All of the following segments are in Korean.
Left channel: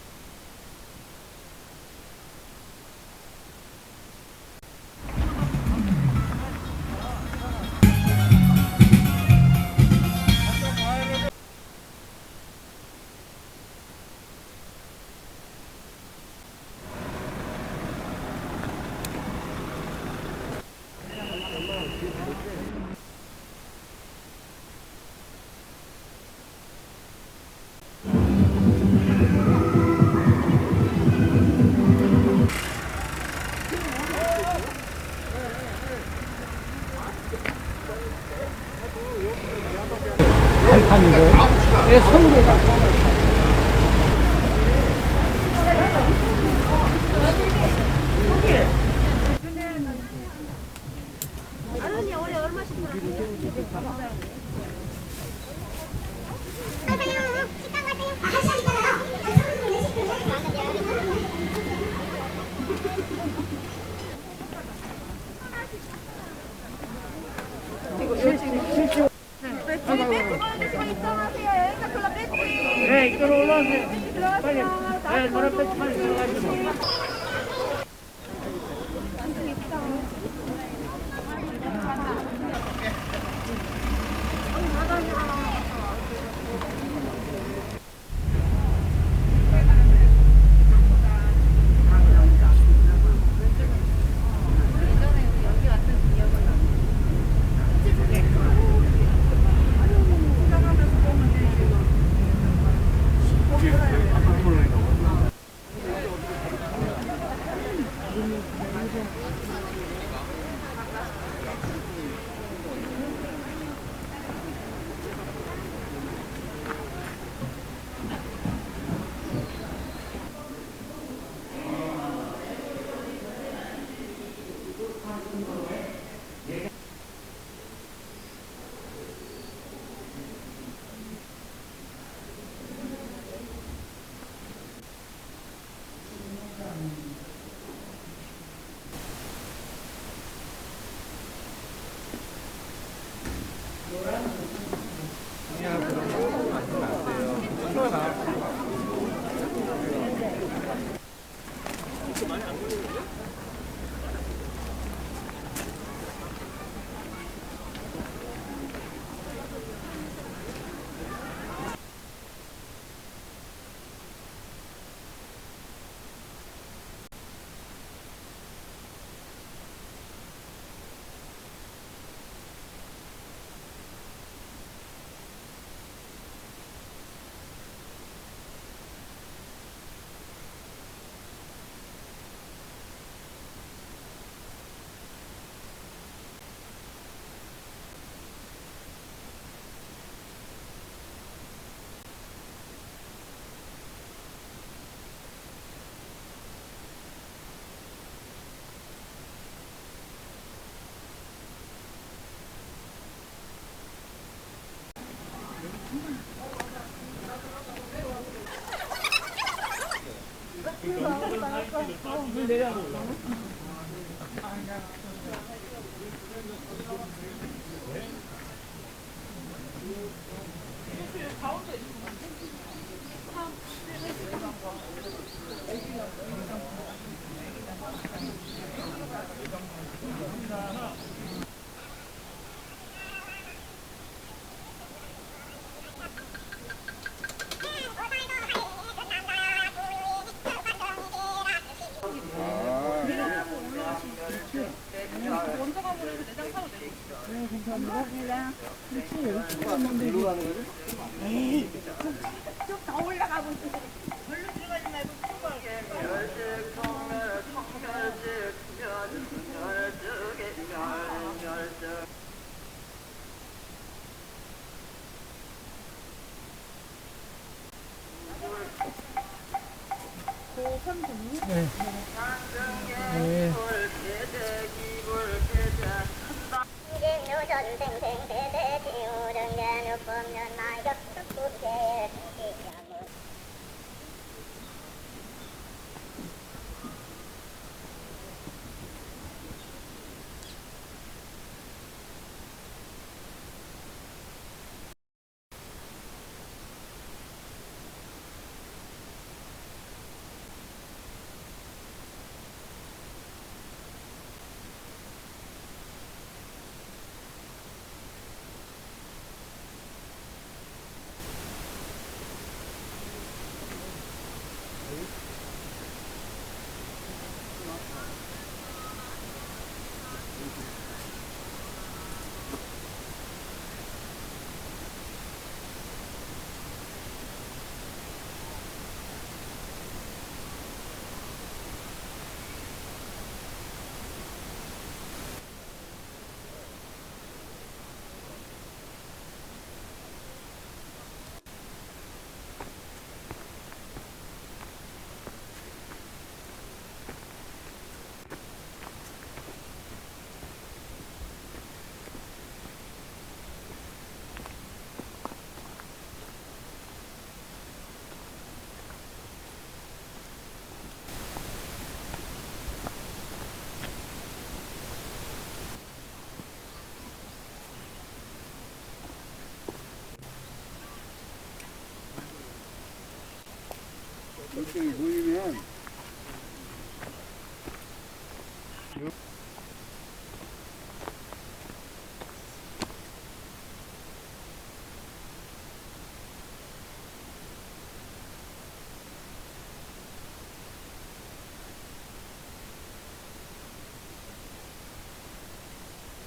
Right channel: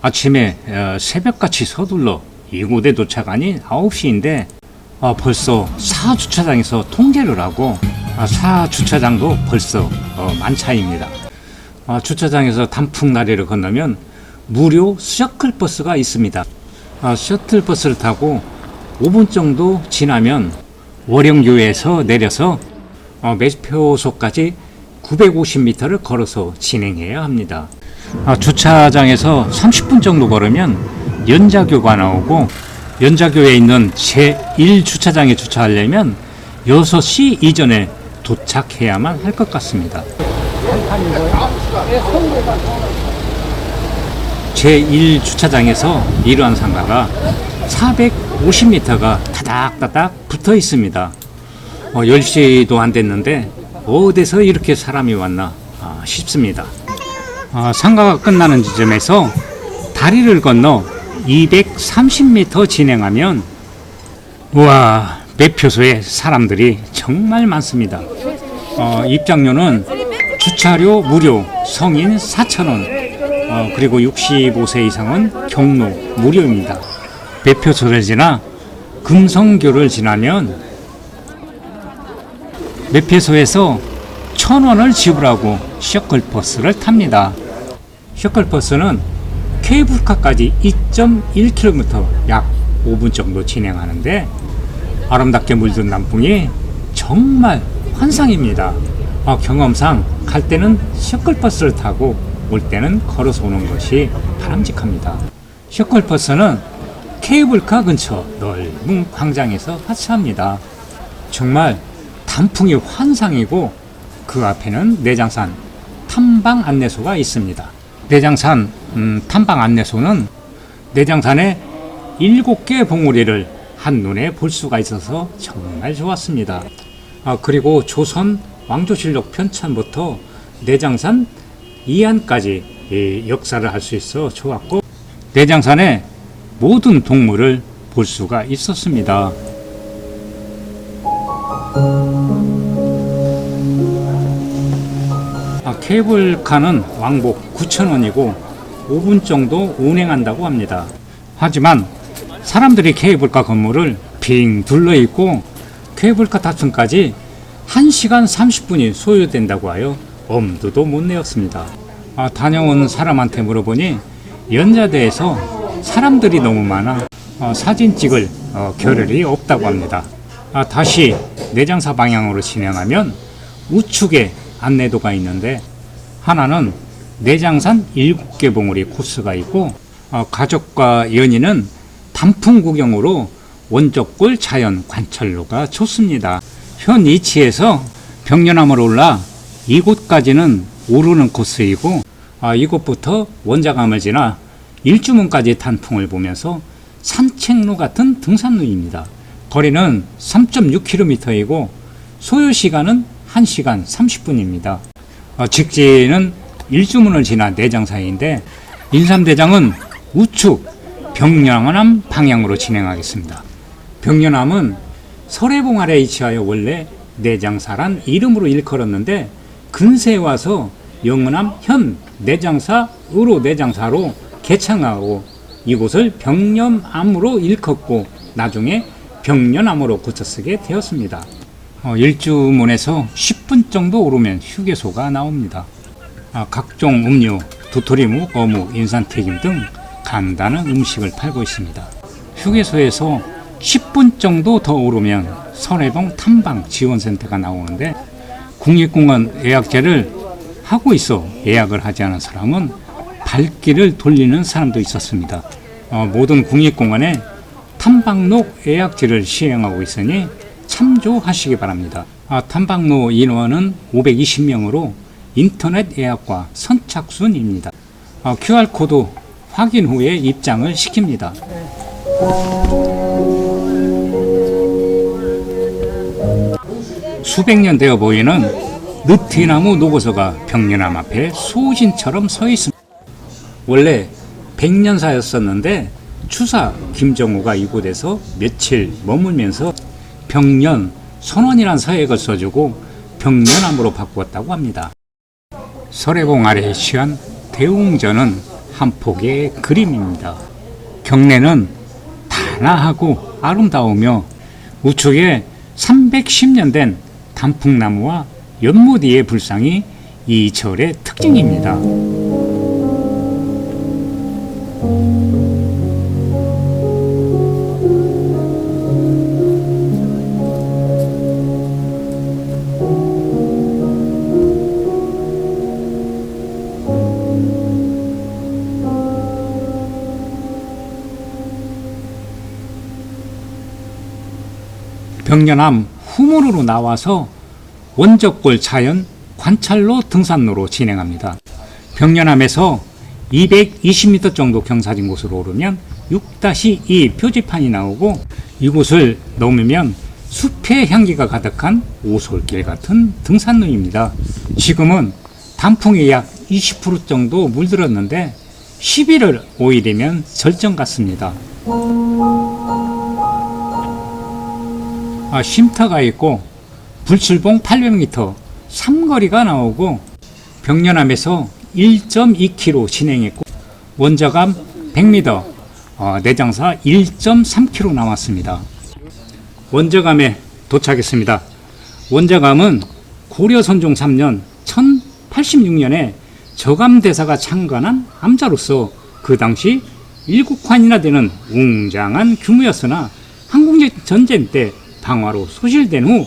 아침에 새벽같이 서둘러 이곳에 도착하니 9시인데 벌써 4주차장에서 통제를 하고 4주차장도 벌써 만차입니다. 주차장에서 단풍다리를 건너면 무료 셔틀버스가 있습니다. 셔틀버스를 타고 5분 정도 지나면 월영교에서 내려서 매표소까지 950m를 걸어서 진행해야 합니다. 주차장에서 30분 정도 걸으면 연자교가 나오고, 연자교에 있는 제1주차장에 주차하려면 6시 이전에 도착해야만 할 것 같습니다. 제1주차장에서 이러한 상가가 450m가 다닥다닥 붙어 있습니다. 10시도 안 됐는데 어디서 이렇게 사람이 왔나 싶습니다. 상가가 끝나는 지점에서 다리를 건너 230m 진행하면, 우와, 매표소에 사람들이 정말 많습니다. 입장료는 주차료 무료, 성인 4,000원, 그리고 65세 이상은 경로 무료입니다. 매표소를 지나 금성교를 지나면 매표소에서 1,000원을 지불하고 셔틀버스를 탑니다. 셔틀버스는 케이블카까지 2.1km, 약 5분 정도 진행하는데 아름답게 물든 단풍이 정말 환상입니다. 경험상 갈 때는 셔틀버스를 타고 올 때는 걸어서 오는 것이 바람직합니다. 셔틀버스는 케이블카 근처 넓은 광장에서 하차합니다. 정말 단풍이 환상이고, 그 앞에는 내장산 탐방 안내소가 있습니다. 내장산 탐방 안내소는 내장산의 7개의 봉우리를 한눈에 볼 수가 있어서 정말 좋았습니다. 그리고 조선 왕조실록 편찬부터 내장산 이안까지 역사를 할 수 있어 좋았고, 내장산의 모든 동물을 볼 수가 있었습니다. 케이블카는 왕복 9,000원이고 5분 정도 운행한다고 합니다. 하지만 사람들이 케이블카 건물을 빙 둘러있고 케이블카 탑승까지 1시간 30분이 소요된다고 하여 엄두도 못 내었습니다. 다녀온 사람한테 물어보니 연자대에서 사람들이 너무 많아 사진 찍을 겨를이 없다고 합니다. 다시 내장사 방향으로 진행하면 우측에 안내도가 있는데, 하나는 내장산 7개 봉우리 코스가 있고, 가족과 연인은 단풍 구경으로 원적골 자연 관찰로가 좋습니다. 현 위치에서 병려나무로 올라 이곳까지는 오르는 코스이고, 이곳부터 원자감을 지나 일주문까지 단풍을 보면서 산책로 같은 등산로입니다. 거리는 3.6km이고 소요시간은 1시간 30분입니다. 직진은 일주문을 지나 내장사인데, 인삼대장은 우측 병려남 방향으로 진행하겠습니다. 병려남은 설해봉 아래 위치하여 원래 내장사란 이름으로 일컬었는데, 근세에 와서 영남 현 내장사으로 내장사로 개창하고 이곳을 병려암으로 일컫고 나중에 병려남으로 고쳐쓰게 되었습니다. 일주문에서 10분 정도 오르면 휴게소가 나옵니다. 각종 음료, 도토리묵, 어묵, 인삼튀김 등 간단한 음식을 팔고 있습니다. 휴게소에서 10분 정도 더 오르면 설해봉 탐방 지원센터가 나오는데, 국립공원 예약제를 하고 있어 예약을 하지 않은 사람은 발길을 돌리는 사람도 있었습니다. 모든 국립공원에 탐방로 예약제를 시행하고 있으니 참조하시기 바랍니다. 탐방로 인원은 520명으로 인터넷 예약과 선착순입니다. QR코드 확인 후에 입장을 시킵니다. 수백 년 되어 보이는 느티나무 노고서가 병려남 앞에 소신처럼 서 있습니다. 원래 백년사였었는데 추사 김정우가 이곳에서 며칠 머물면서 병년 선원이란 서액을 써주고 병년암으로 바꾸었다고 합니다. 설해봉 아래에 취한 대웅전은 한 폭의 그림입니다. 경내는 단아하고 아름다우며 우측에 310년 된 단풍나무와 연못위의 불상이 이 절의 특징입니다. 병년암 후문으로 나와서 원적골 자연 관찰로 등산로로 진행합니다. 병년암에서 220m 정도 경사진 곳으로 오르면 6-2 표지판이 나오고 이곳을 넘으면 숲의 향기가 가득한 오솔길 같은 등산로입니다. 지금은 단풍이 약 20% 정도 물들었는데 11월 5일이면 절정 같습니다. 쉼터가 있고 불출봉 800m 삼거리가 나오고 병년암에서 1.2km 진행했고 원저감 100m 내장사 1.3km 남았습니다. 원저감에 도착했습니다. 원저감은 고려 선종 3년 1086년에 저감대사가 창건한 암자로서 그 당시 7칸이나 되는 웅장한 규모였으나 한국전쟁 때 방화로 소실된 후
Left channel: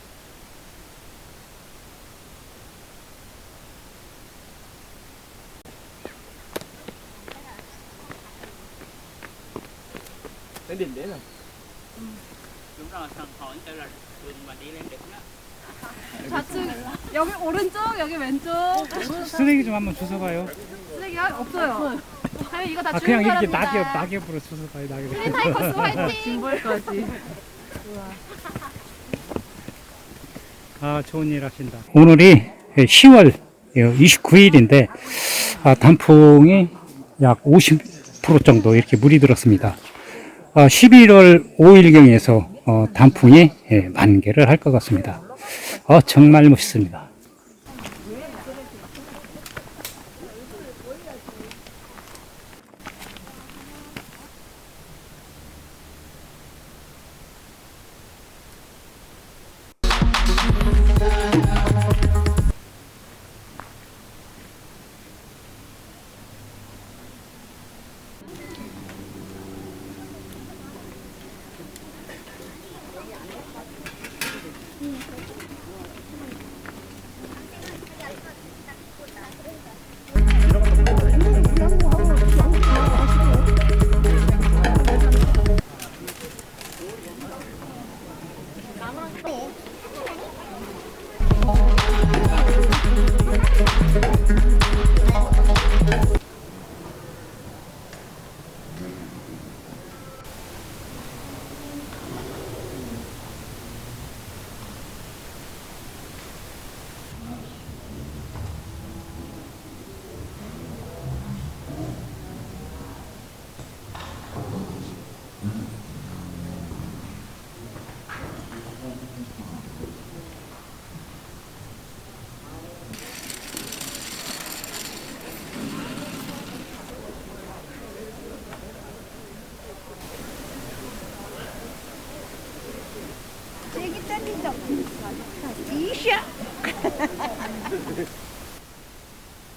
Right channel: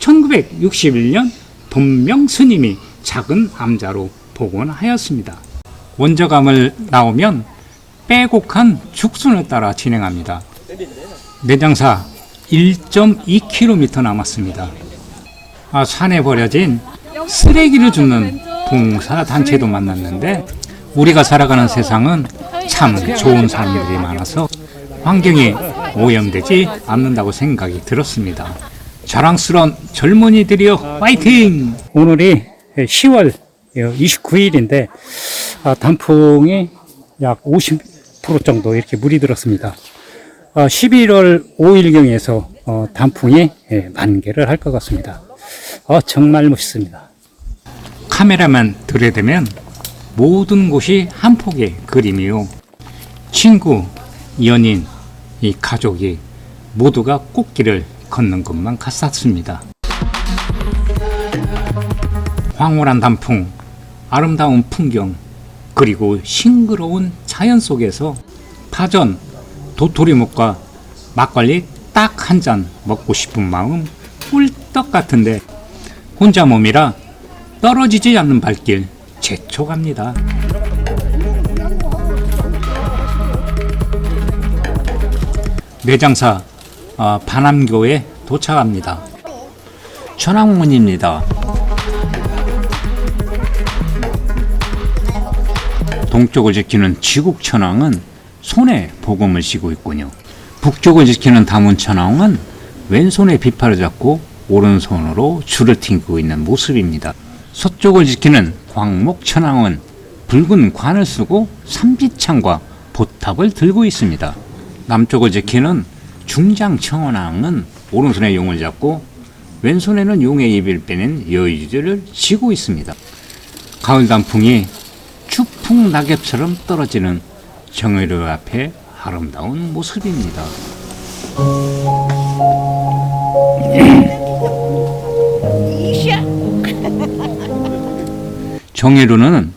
1961년 돈명 스님이 작은 암자로 복원하였습니다. 원저감을 나오면 빼곡한 죽순을 따라 진행합니다. 내장사 1.2km 남았습니다. 산에 버려진 쓰레기를 줍는 봉사단체도 만났는데 우리가 살아가는 세상은 참 좋은 사람들이 많아서 환경이 오염되지 않는다고 생각이 들었습니다. 자랑스러운 젊은이들이여 파이팅! 오늘이 10월 29일인데 단풍이 약 50% 정도 이렇게 물이 들었습니다. 11월 5일경에서 단풍이 만개를 할 것 같습니다. 정말 멋있습니다. 카메라만 들여대면 모든 곳이 한 폭의 그림이요. 친구, 연인, 이 가족이 모두가 꽃길을 걷는 것만 같았습니다. 황홀한 단풍, 아름다운 풍경, 그리고 싱그러운 자연 속에서 파전, 도토리묵과 막걸리 딱 한 잔 먹고 싶은 마음 꿀떡 같은데 혼자 몸이라 떨어지지 않는 발길 재촉합니다. 내장사 반암교에 도착합니다. 천왕문입니다. 동쪽을 지키는 지국천왕은 손에 복음을 쥐고 있군요. 북쪽을 지키는 다문천왕은 왼손에 비파를 잡고 오른손으로 줄을 튕기고 있는 모습입니다. 서쪽을 지키는 광목천왕은 붉은 관을 쓰고 삼지창과 보탑을 들고 있습니다. 남쪽을 지키는 중장천왕은 오른손에 용을 잡고 왼손에는 용의 입을 빼낸 여의주를 쥐고 있습니다. 가을 단풍이 추풍 낙엽처럼 떨어지는 정의로 앞에 아름다운 모습입니다. 정혜루는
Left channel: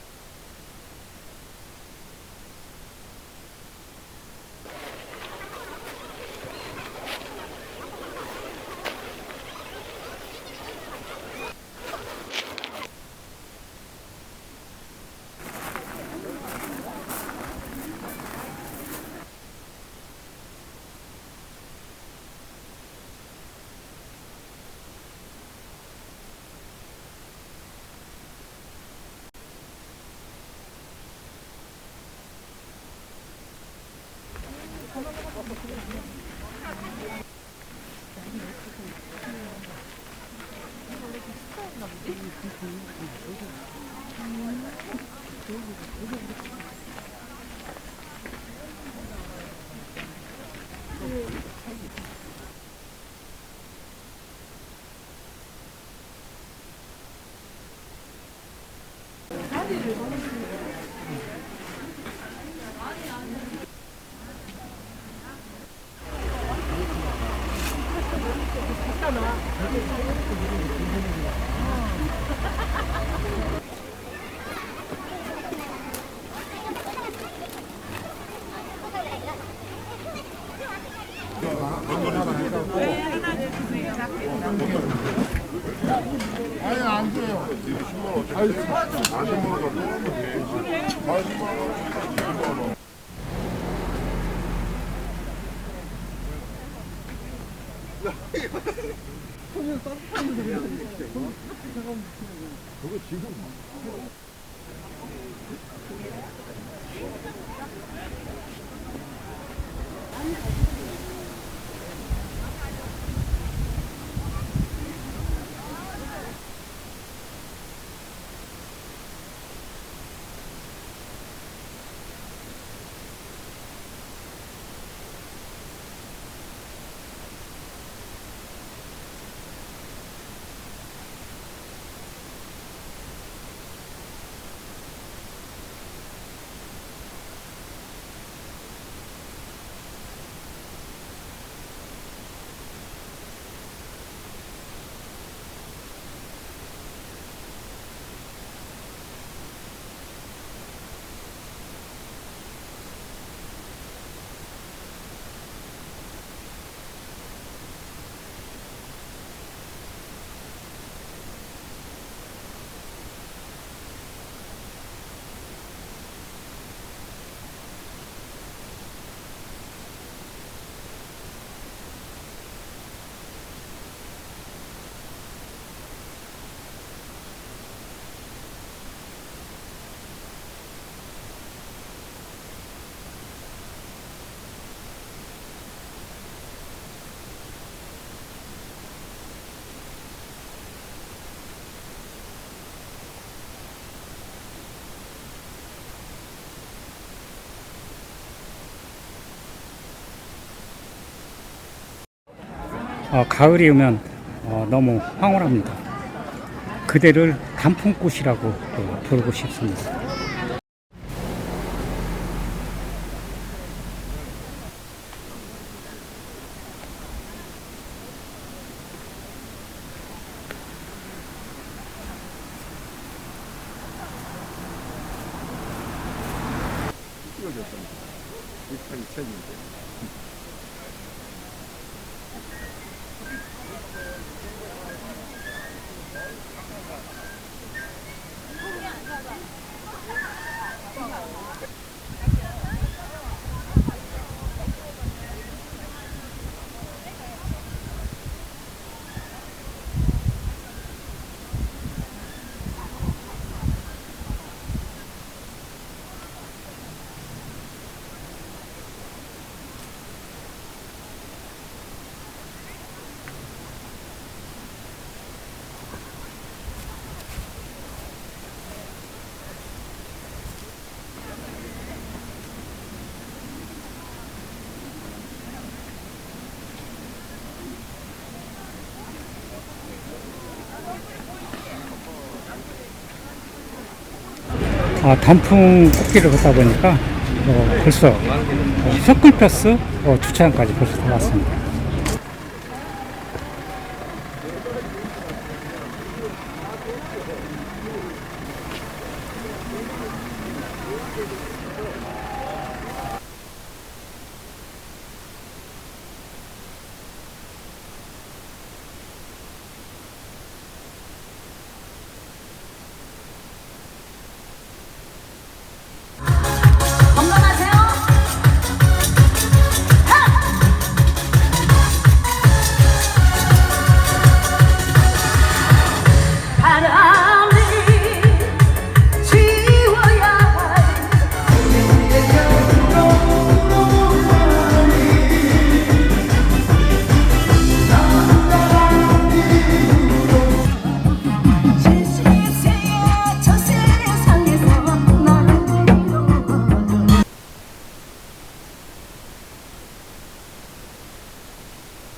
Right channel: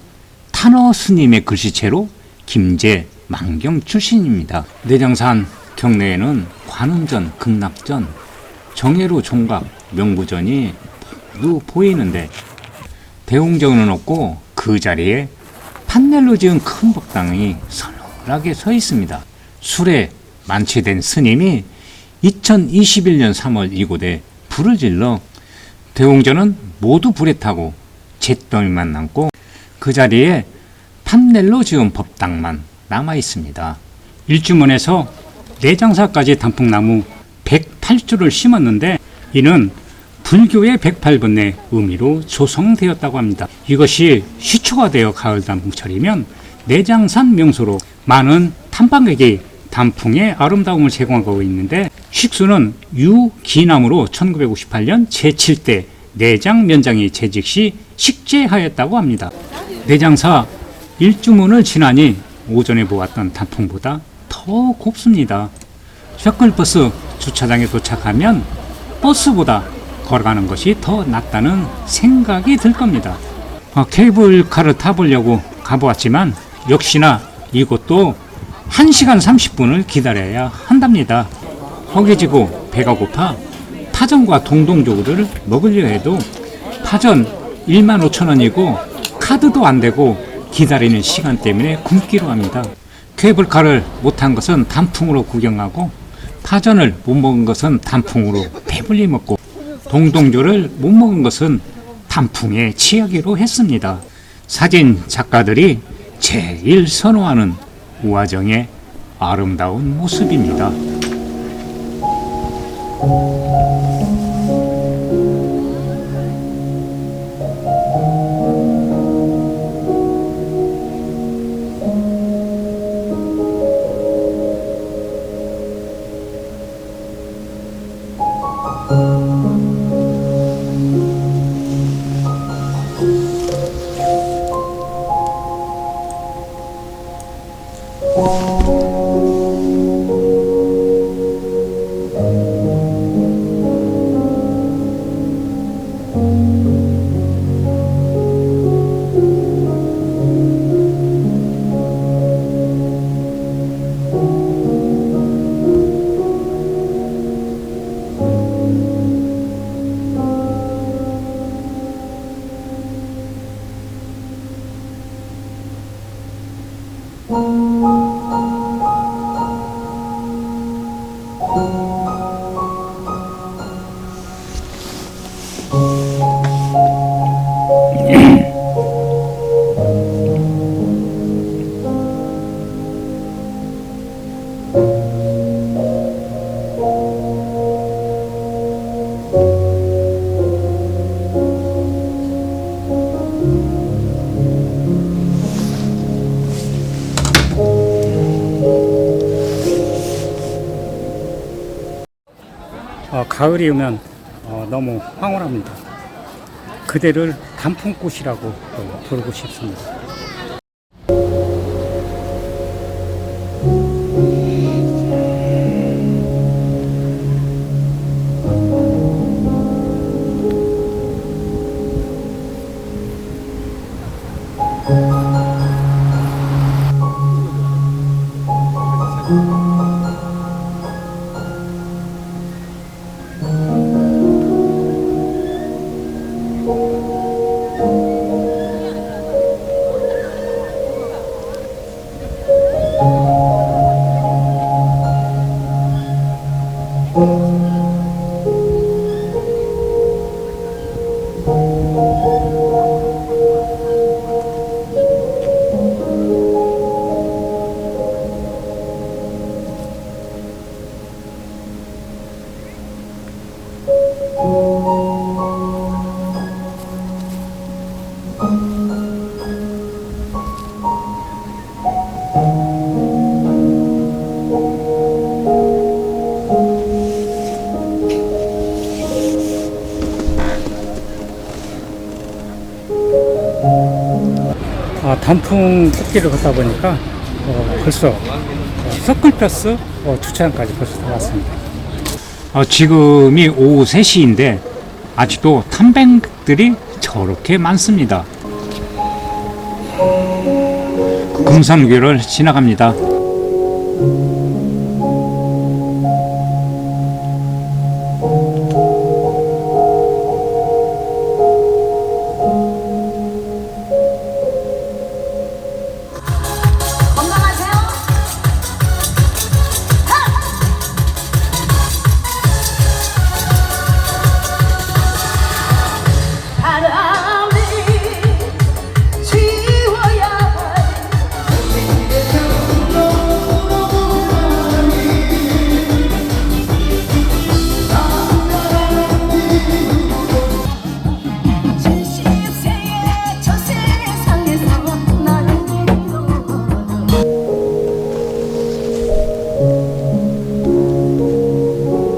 탄어 스님의 글씨체로 김제 만경 출신입니다. 내장산 경내에는 관음전, 극락전, 정혜루 종각, 명부전이 보이는데 대웅전은 없고 그 자리에 판넬로 지은 큰 법당이 서늘하게 서 있습니다. 술에 만취된 스님이 2021년 3월 이곳에 불을 질러 대웅전은 모두 불에 타고 잿더미만 남고 그 자리에 판넬로 지은 법당만 남아 있습니다. 일주문에서 내장사까지 단풍나무 108주를 심었는데 이는 불교의 108번의 의미로 조성되었다고 합니다. 이것이 시초가 되어 가을 단풍철이면 내장산 명소로 많은 탐방객이 단풍의 아름다움을 제공하고 있는데 식수는 유기남으로 1958년 제7대 내장면장이 재직 시 식재하였다고 합니다. 내장사 일주문을 지나니 오전에 보았던 단풍보다 더 곱습니다. 셔클버스 주차장에 도착하면 버스보다 걸어가는 것이 더 낫다는 생각이 들 겁니다. 케이블카를 타보려고 가보았지만 역시나 이곳도 1시간 30분을 기다려야 한답니다. 허기지고 배가 고파 파전과 동동조구를 먹으려 해도 파전 15,000원이고 카드도 안 되고 기다리는 시간 때문에 굶기로 합니다. 케이블카를 못한 것은 단풍으로 구경하고 파전을 못 먹은 것은 단풍으로 배불리 먹고 동동조를 못 먹은 것은 단풍에 취하기로 했습니다. 사진 작가들이 제일 선호하는 우화정의 아름다운 모습입니다. 가을이 오면 너무 황홀합니다. 그대를 단풍꽃이라고 부르고 싶습니다. 단풍 꽃길을 걷다 보니까 벌써 서클버스 주차장까지 벌써 왔습니다. 지금이 오후 3시인데 아직도 탐방객들이 저렇게 많습니다. 금산교를 지나갑니다.